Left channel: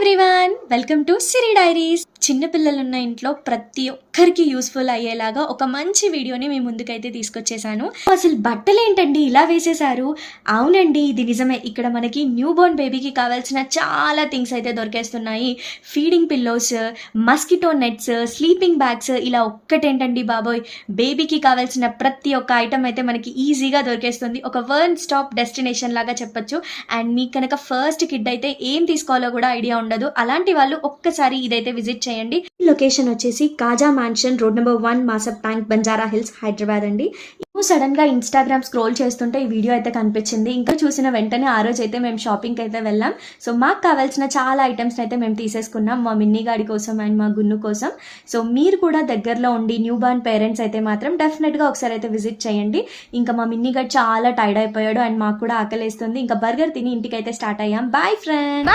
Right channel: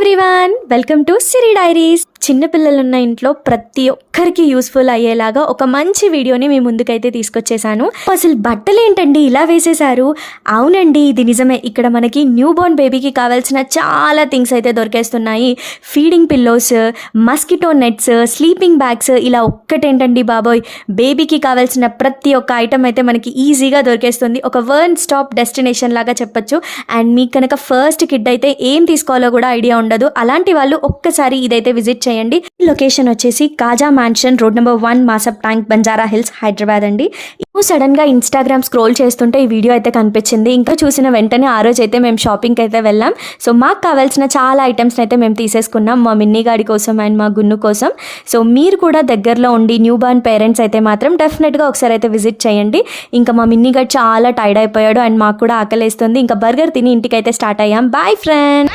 Everyone, welcome to Siri diaries. చిన్నపిల్లలున్న ఇంట్లో ప్రతి ఒక్కరికి యూస్ఫుల్ అయ్యేలాగా ఒక మంచి వీడియోని మీ ముందుకైతే తీసుకొచ్చేసాను. అసలు బట్టలు ఏంటండి ఇలా వేసేసారు? అవునండి, ఇది నిజమే. ఇక్కడ మనకి న్యూ బోర్న్ బేబీకి కావాల్సిన చాలా థింగ్స్ అయితే దొరికేస్తున్నాయి. Feeding pillows, mosquito nets, sleeping bags, ఇలా ఒక్కటేంటండి బాబోయ్, బేబీకి కావాల్సిన ప్రతి ఒక్క ఐటమ్ అయితే మనకి ఈజీగా దొరికేస్తుంది. ఒక వన్ స్టాప్ డెస్టినేషన్ లాగా చెప్పొచ్చు. అండ్ మీకు కనుక ఫస్ట్ కిడ్ అయితే ఏం తీసుకోవాలో కూడా ఐడియా ఉండదు. అలాంటి వాళ్ళు ఒక్కసారి ఇదైతే విజిట్ చేయండి. లొకేషన్ వచ్చేసి కాజా mansion, road number 1, మాసప్ tank, Banjara hills, Hyderabad అండి. సడన్ గా ఇన్స్టాగ్రామ్ స్క్రోల్ చేస్తుంటే ఈ వీడియో అయితే కనిపించింది. ఇంకా చూసిన వెంటనే ఆ రోజు అయితే మేము షాపింగ్కి అయితే వెళ్ళాం. సో మాకు కావాల్సిన చాలా ఐటమ్స్ అయితే మేము తీసేసుకున్నాం, మా మిన్నీ గాడి కోసం అండ్ మా గున్ను కోసం. సో మీరు కూడా దగ్గరలో ఉండి న్యూ బార్న్ పేరెంట్స్ అయితే మాత్రం డెఫినెట్గా ఒకసారి అయితే విజిట్ చేయండి. ఇంకా మా మిన్నీ గాడు చాలా టైర్డ్ అయిపోయాడు అండ్ మాకు కూడా ఆకలేస్తుంది. ఇంకా బర్గర్ తిని ఇంటికి అయితే స్టార్ట్ అయ్యాం. Boy friend.